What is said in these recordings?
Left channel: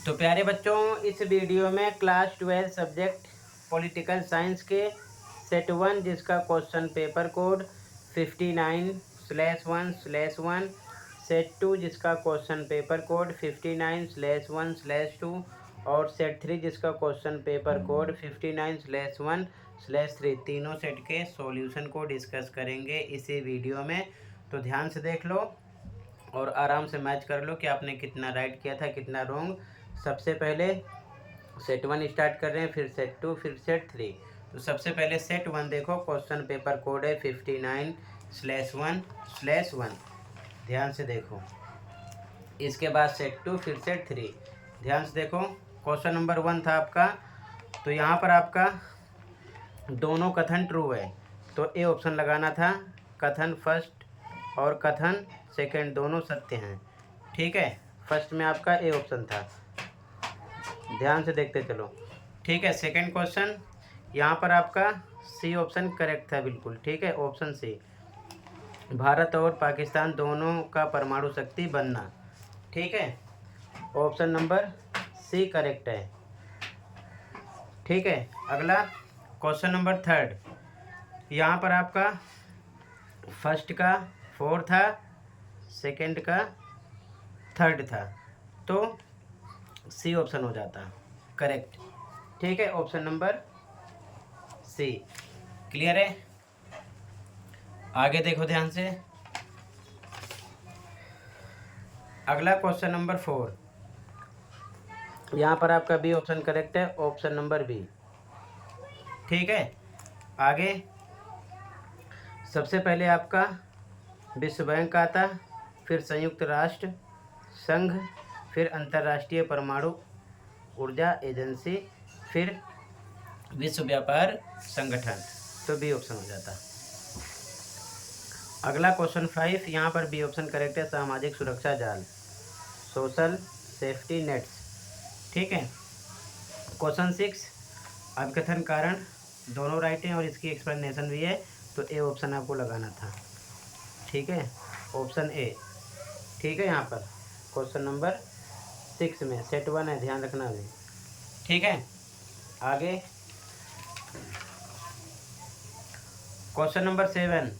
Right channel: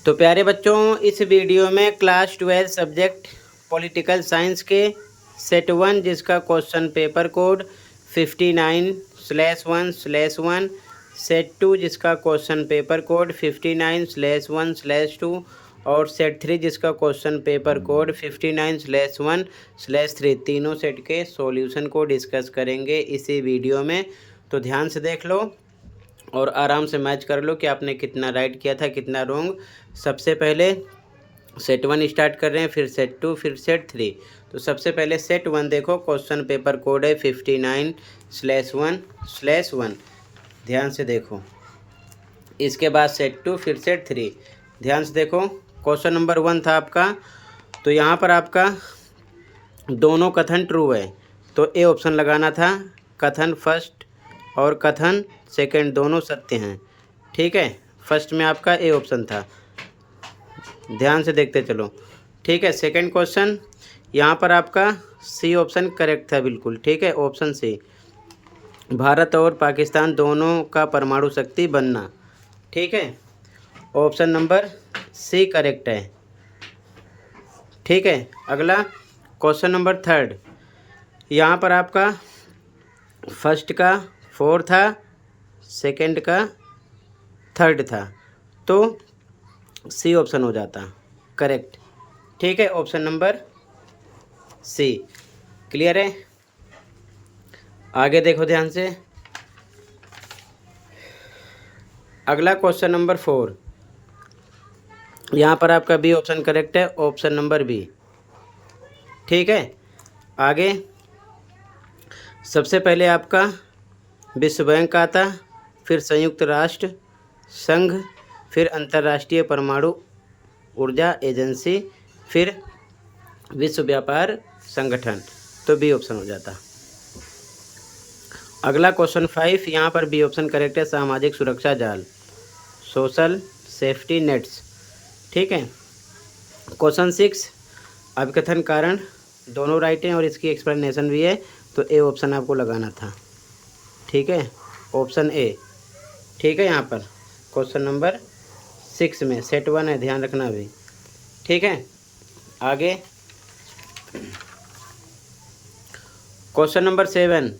तो प्यारे बच्चों, इस वीडियो में क्लास 12 सब्जेक्ट पॉलिटिकल साइंस के सेट 1 जिसका क्वेश्चन पेपर कोड 59/1/1, सेट 2 जिसका क्वेश्चन पेपर कोड 59/1/2 और सेट 3 जिसका क्वेश्चन पेपर कोड 59/1/3 तीनों सेट के सॉल्यूशन को डिस्कस करेंगे इसी वीडियो में। तो ध्यान से देख लो और आराम से मैच कर लो कि आपने कितना राइट किया था, कितना रॉन्ग। सबसे पहले सेट 1 स्टार्ट कर रहे हैं, फिर सेट 2, फिर सेट 3। तो सबसे पहले सेट 1 देखो, क्वेश्चन पेपर कोड है 59/1/1। ध्यान से देखो। इसके बाद सेट 2, फिर सेट 3। ध्यान से देखो, क्वेश्चन नंबर 1 था आपका, तो यहाँ पर आपका दोनों कथन ट्रू है तो ए ऑप्शन लगाना था। कथन फर्स्ट और कथन सेकंड दोनों सत्य हैं। ठीक है, फर्स्ट में आपका ए ऑप्शन था। ध्यान से देखते चलो। ठीक है, सेकंड क्वेश्चन यहाँ पर आपका सी ऑप्शन करेक्ट था बिल्कुल। ठीक है, ऑप्शन सी, भारत और पाकिस्तान दोनों का परमाणु शक्ति बनना। ठीक है, ऑप्शन नंबर सी करेक्ट है। ठीक है, अगला क्वेश्चन नंबर थर्ड, यहाँ पर आपका फर्स्ट का 4 था, सेकंड का 3rd था, तो सी ऑप्शन हो जाता करेक्ट। ठीक है, ऑप्शन नंबर सी। क्लियर है? आगे देखो ध्यान से। अगला क्वेश्चन नंबर 4, यहाँ पर आपका बी ऑप्शन करेक्ट है, ऑप्शन नंबर बी। ठीक है, आगे सबसे पहले आपका विश्व बैंक आता, फिर संयुक्त राष्ट्र संघ, फिर अंतर्राष्ट्रीय परमाणु ऊर्जा एजेंसी, फिर विश्व व्यापार संगठन, तो बी ऑप्शन हो जाता। अगला क्वेश्चन 5, यहाँ पर बी ऑप्शन करेक्ट है, सामाजिक सुरक्षा जाल, सोशल सेफ्टी नेट्स। ठीक है, क्वेश्चन 6, अभिकथन कारण दोनों राइट हैं और इसकी एक्सप्लेनेशन भी है, तो ए ऑप्शन आपको लगाना था। ठीक है, ऑप्शन ए। ठीक है, यहाँ पर क्वेश्चन नंबर 6 में सेट 1 है, ध्यान रखना भी। ठीक है, आगे क्वेश्चन नंबर 7,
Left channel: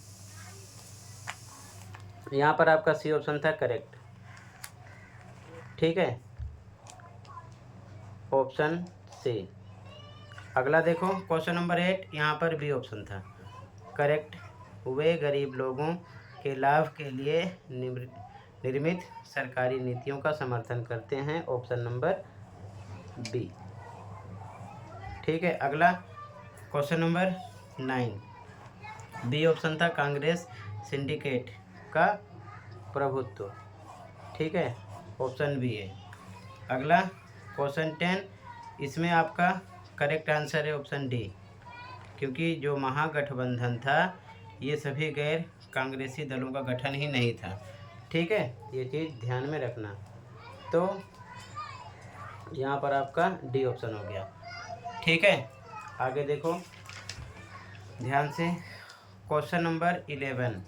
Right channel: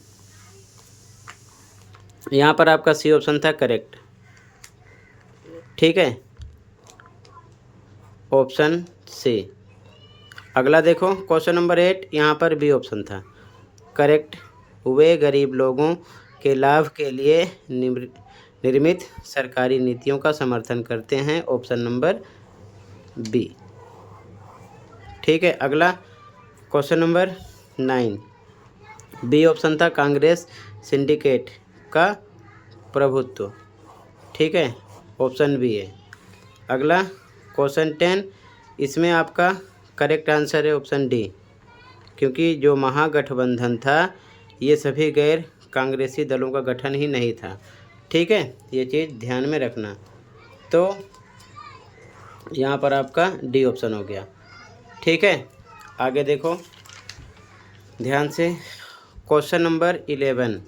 यहाँ पर आपका सी ऑप्शन था करेक्ट। ठीक है, ऑप्शन सी। अगला देखो क्वेश्चन नंबर 8, यहाँ पर बी ऑप्शन था करेक्ट, वे गरीब लोगों के लाभ के लिए निर्मित सरकारी नीतियों का समर्थन करते हैं, ऑप्शन नंबर बी। ठीक है, अगला क्वेश्चन नंबर 9, बी ऑप्शन था कांग्रेस सिंडिकेट का प्रभुत्व। ठीक है, ऑप्शन बी है। अगला क्वेश्चन 10, इसमें आपका करेक्ट आंसर है ऑप्शन डी, क्योंकि जो महागठबंधन था ये सभी गैर कांग्रेसी दलों का गठन ही नहीं था। ठीक है, ये चीज़ ध्यान में रखना। तो यहाँ पर आपका डी ऑप्शन हो गया। ठीक है, आगे देखो ध्यान से। क्वेश्चन नंबर 11,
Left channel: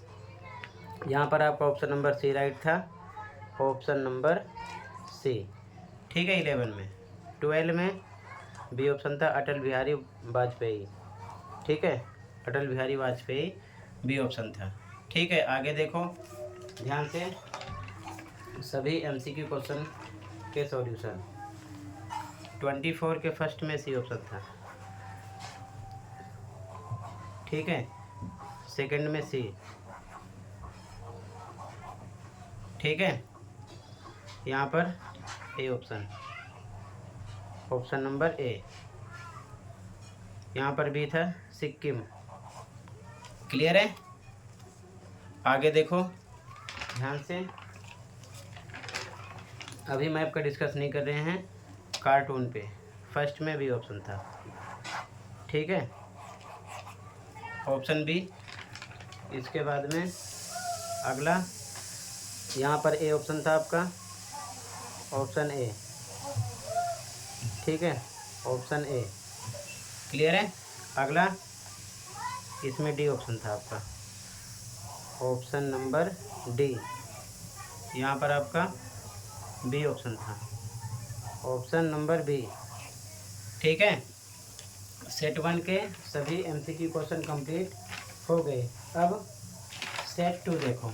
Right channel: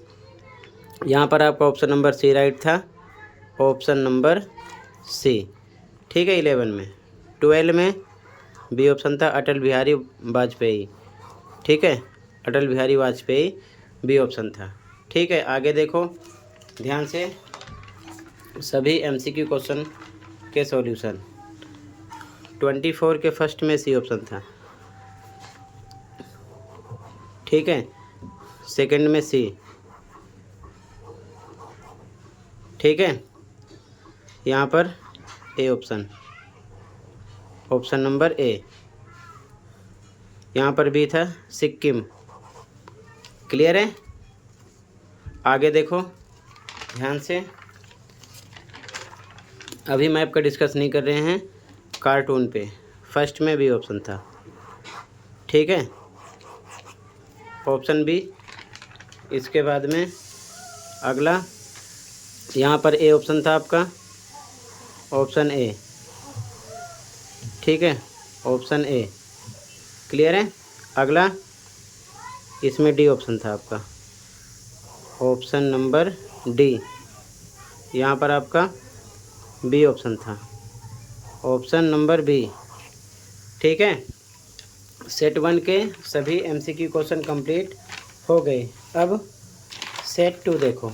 यहाँ पर आपका ऑप्शन नंबर सी राइट था, ऑप्शन नंबर सी। ठीक है, 11 में। 12 में बी ऑप्शन था अटल बिहारी वाजपेयी। ठीक है, अटल बिहारी वाजपेयी बी ऑप्शन था। ठीक है, आगे देखो ध्यान से, सभी एमसीक्यू क्वेश्चन के सॉल्यूशन। 24 के फर्स्ट में सी ऑप्शन था। ठीक है, सेकंड में सी। ठीक है, यहाँ पर A option, option number A. यहाँ पर भी था सिक्किम। क्लियर है? आगे देखो ध्यान से, अभी मैप का डिस्कस नहीं कर रहे हैं, कार्टून पे फर्स्ट में भी ऑप्शन था। ठीक है, ऑप्शन बी। इसके बाद में अगला यहाँ पर ए ऑप्शन था आपका, ऑप्शन ए। ठीक है, ऑप्शन ए। क्लियर है? अगला इसमें डी ऑप्शन था आपका, ऑप्शन नंबर डी। यहाँ पर आपका बी ऑप्शन था। Option number B. ठीक है, सेट 1 के सभी एमसीक्यू क्वेश्चन कंप्लीट हो गए। अब सेट 2 देखो।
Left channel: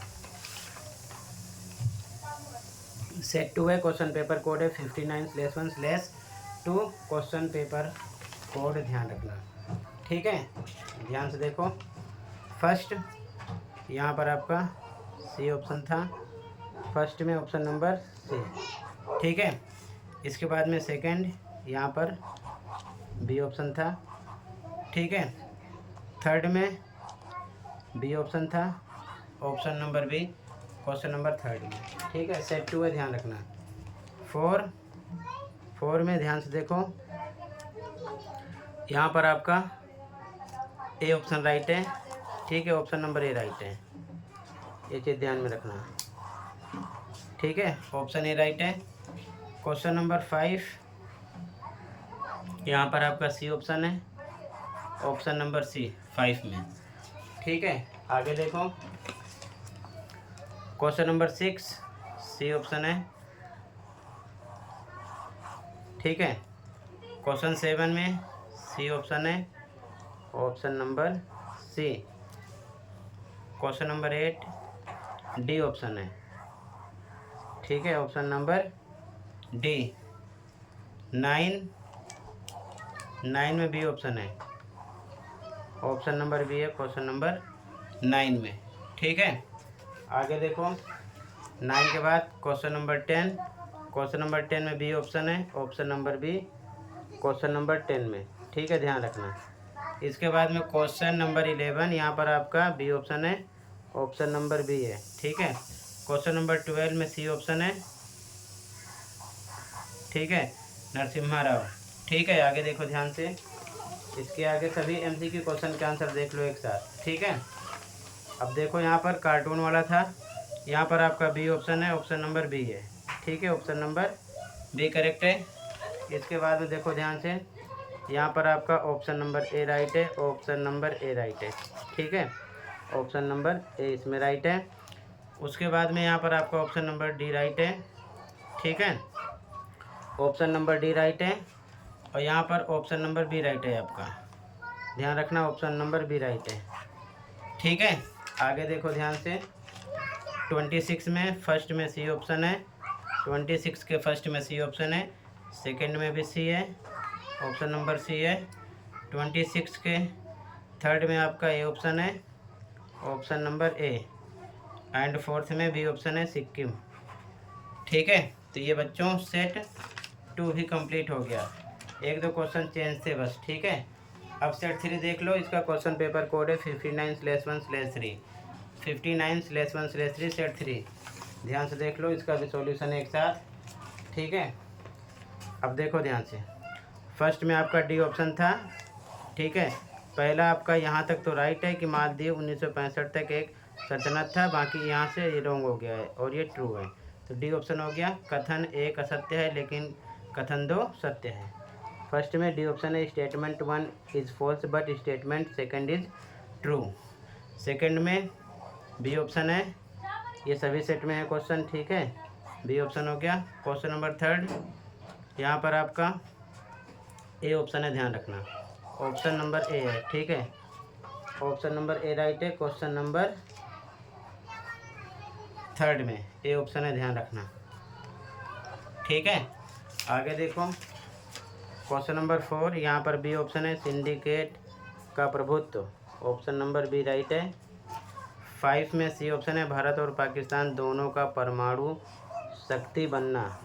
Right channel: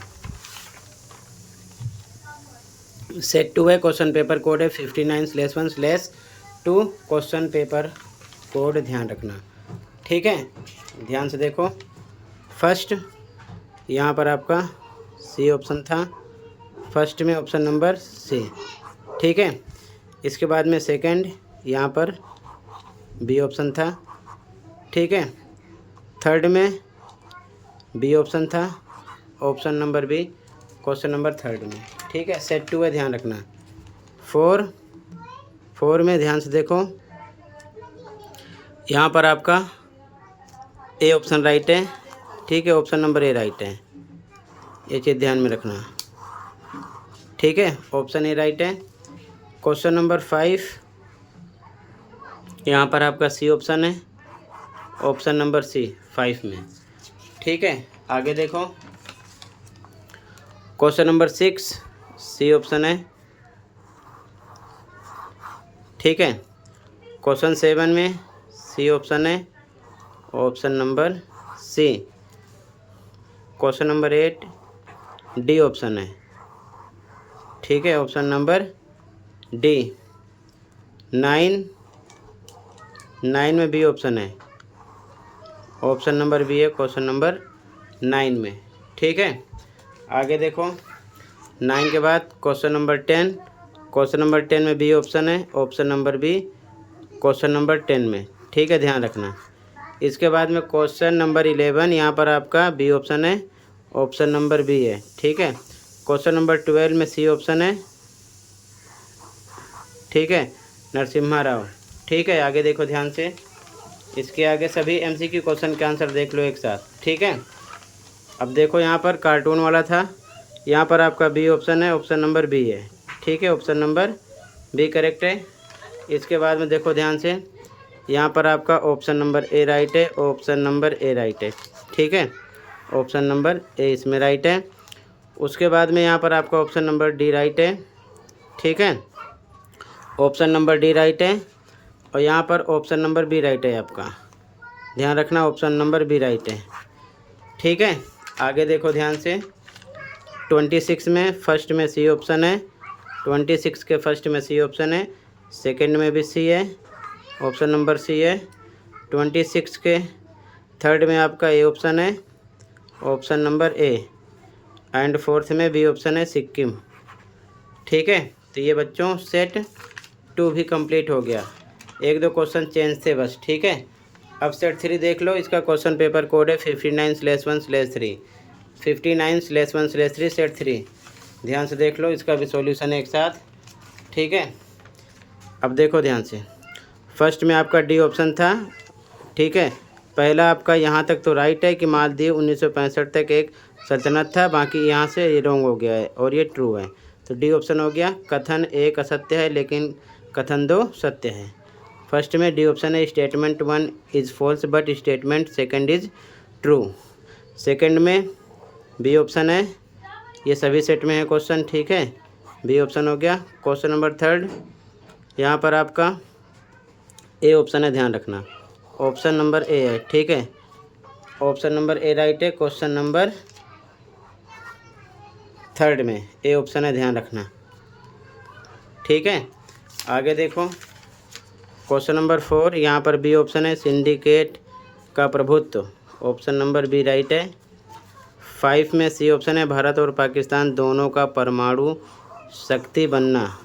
सेट 2 है, क्वेश्चन पेपर कोड है 59/1/2। क्वेश्चन पेपर कोड ध्यान रखना। ठीक है, ध्यान से देखो। फर्स्ट यहाँ पर आपका सी ऑप्शन था, फर्स्ट में ऑप्शन नंबर सी। ठीक है, इसके बाद में सेकंड यहाँ पर बी ऑप्शन था। ठीक है, थर्ड में बी ऑप्शन था, option number B question number third में। ठीक है, सेट 2 है, ध्यान रखना। फोर में ध्यान से देखो, यहाँ पर आपका ए ऑप्शन राइट है। ठीक है, ऑप्शन नंबर ए राइट है, ये चीज़ ध्यान में रखना। ठीक है, ऑप्शन ए राइट है। क्वेश्चन नंबर 5 यहाँ पर आपका सी ऑप्शन है, ऑप्शन नंबर सी 5 में। ठीक है, आगे देखो। क्वेश्चन नंबर 6 सी ऑप्शन है। ठीक है, क्वेश्चन 7 में सी ऑप्शन है, option number C. Question number 8 D option है। ठीक है, ऑप्शन नंबर डी। 9 में बी ऑप्शन है, ऑप्शन नंबर बी है क्वेश्चन नंबर 9 में। ठीक है, आगे देखो। 9 के बाद क्वेश्चन नंबर 10, क्वेश्चन नंबर 10 में बी ऑप्शन है, option number B question number 10 में। ठीक है, ध्यान रखना। इसके बाद में क्वेश्चन नंबर 11, यहाँ पर आपका बी ऑप्शन है, ऑप्शन नंबर बी है। ठीक है, क्वेश्चन नंबर 12 में सी ऑप्शन है। ठीक है, नरसिम्हा राव। ठीक है, आगे देखो ध्यान से। इसके आगे सभी एमसीक्यू क्वेश्चन के आंसर देख लो एक साथ। ठीक है, अब देखो यहाँ पर कार्टून वाला था, यहाँ पर आपका बी ऑप्शन है, ऑप्शन नंबर बी है। ठीक है, ऑप्शन नंबर बी करेक्ट है। इसके बाद में देखो ध्यान से, यहाँ पर आपका ऑप्शन नंबर ए राइट है, ऑप्शन नंबर ए राइट है। ठीक है, ऑप्शन नंबर ए इसमें राइट है। उसके बाद में यहाँ पर आपका ऑप्शन नंबर डी राइट है। ठीक है, ऑप्शन नंबर डी राइट है, और यहाँ पर ऑप्शन नंबर बी राइट है आपका। ध्यान रखना, ऑप्शन नंबर बी राइट है। ठीक है, आगे देखो ध्यान से। 26 में फर्स्ट में सी ऑप्शन है, 26 के फर्स्ट में सी ऑप्शन है, सेकंड में भी सी है, ऑप्शन नंबर सी है। 26 के थर्ड में आपका ए ऑप्शन है, option number A, and fourth में बी ऑप्शन है, सिक्किम। ठीक है, तो ये बच्चों सेट 2 भी कंप्लीट हो गया। एक दो क्वेश्चन चेंज थे बस। ठीक है, अब सेट 3 देख लो। इसका क्वेश्चन पेपर कोड है 59/1/3। 59/1/3 सेट 3। ध्यान से देख लो, इसका भी सॉल्यूशन है एक साथ। ठीक है, अब देखो ध्यान से। फर्स्ट में आपका डी ऑप्शन था। ठीक है, पहला आपका यहाँ तक तो राइट है कि मालदीव 1965 तक एक सल्तनत था, बाकी यहाँ से ये रॉन्ग हो गया है और ये ट्रू है। तो डी ऑप्शन हो गया। कथन एक असत्य है लेकिन कथन 2 सत्य है। फर्स्ट में डी ऑप्शन है, statement 1 is false but statement second is true. Second में बी ऑप्शन है, ये सभी सेट में है क्वेश्चन। ठीक है, बी ऑप्शन हो गया। क्वेश्चन नंबर थर्ड, यहाँ पर आपका ए ऑप्शन है, ध्यान रखना, ऑप्शन नंबर ए है। ठीक है, ऑप्शन नंबर ए राइट है। क्वेश्चन नंबर थर्ड में ए ऑप्शन है, ध्यान रखना। ठीक है, आगे देखो। क्वेश्चन नंबर 4, यहाँ पर बी ऑप्शन है, सिंडिकेट का प्रभुत्व, ऑप्शन नंबर बी राइट है। 5 में सी ऑप्शन है, भारत और पाकिस्तान दोनों का परमाणु शक्ति बनना।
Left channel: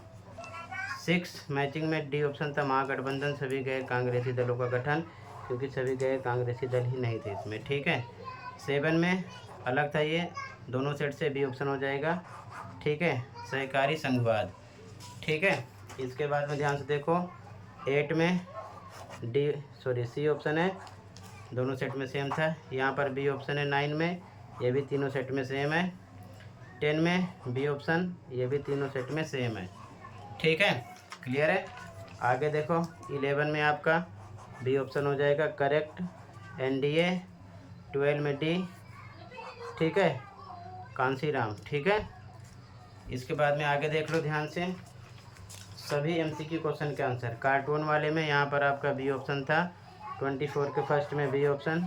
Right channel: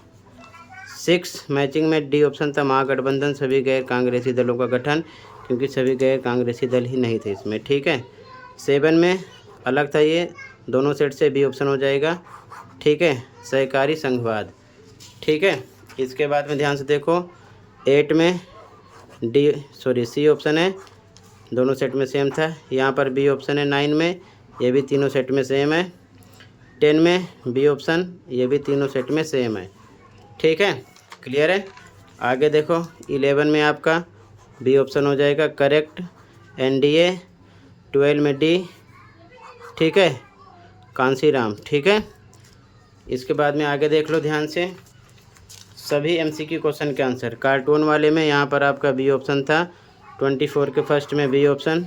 6 मैचिंग में डी ऑप्शन था, महागठबंधन सभी गैर कांग्रेसी दलों का गठन, क्योंकि सभी गैर कांग्रेसी दल ही नहीं थे इसमें। ठीक है, 7 में अलग था, ये दोनों सेट से बी ऑप्शन हो जाएगा। ठीक है, सहकारी संघवाद। ठीक है, इसके बाद में ध्यान से देखो। 8 में सी ऑप्शन है, दोनों सेट में सेम था। यहाँ पर बी ऑप्शन है 9 में, ये भी तीनों सेट में सेम है। 10 में बी ऑप्शन, ये भी तीनों सेट में सेम है। ठीक है, क्लियर है। आगे देखो। 11 में आपका बी ऑप्शन हो जाएगा करेक्ट, एनडीए। 12 में डी। ठीक है, कांसीराम। ठीक है, इसके बाद में आगे देख लो ध्यान से। सभी MCQ क्वेश्चन के आंसर। कार्टून वाले में यहाँ पर आपका बी ऑप्शन था, 24 के फर्स्ट में बी ऑप्शन,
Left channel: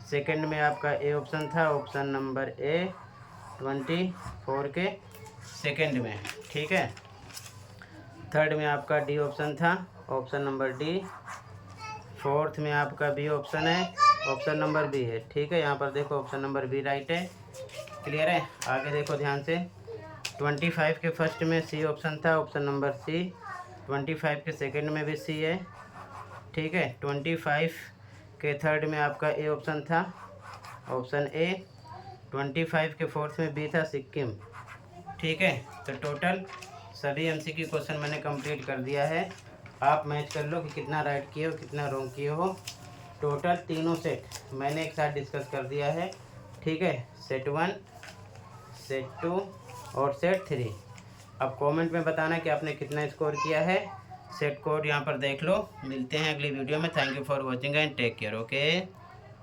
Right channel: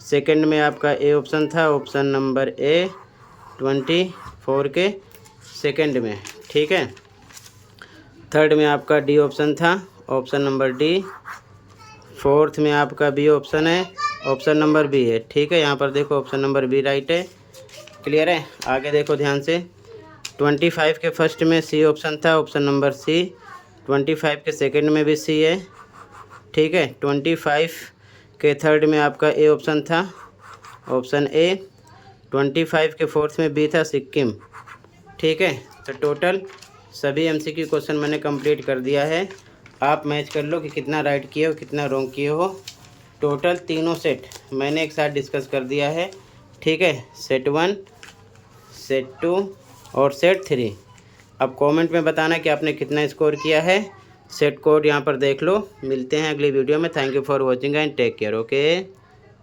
सेकंड में आपका ए ऑप्शन था, ऑप्शन नंबर ए 24 के सेकंड में, ठीक है। थर्ड में आपका डी ऑप्शन था, ऑप्शन नंबर डी। फोर्थ में आपका बी ऑप्शन है, ऑप्शन नंबर बी है, ठीक है। यहाँ पर देखो ऑप्शन नंबर बी राइट है। क्लियर है। आगे देखो ध्यान से, 25 के फर्स्ट में सी ऑप्शन था, ऑप्शन नंबर सी। 25 के सेकंड में भी सी है, ठीक है। 25 के थर्ड में आपका ए ऑप्शन था, ऑप्शन ए। 25 के फोर्थ में बी था, सिक्किम, ठीक है। तो टोटल सभी MCQ क्वेश्चन मैंने कंप्लीट कर दिया है। आप मैच कर लो कि कितना राइट किए हो, कितना रॉन्ग किए हो। टोटल तीनों सेट मैंने एक साथ डिस्कस कर दिया है, ठीक है। सेट 1, सेट 2 और सेट 3। अब कमेंट में बताना कि आपने कितना स्कोर किया है। सेट कोड यहाँ पर देख लो। मिलते हैं अगली वीडियो में। Thank you for watching and take care. Okay.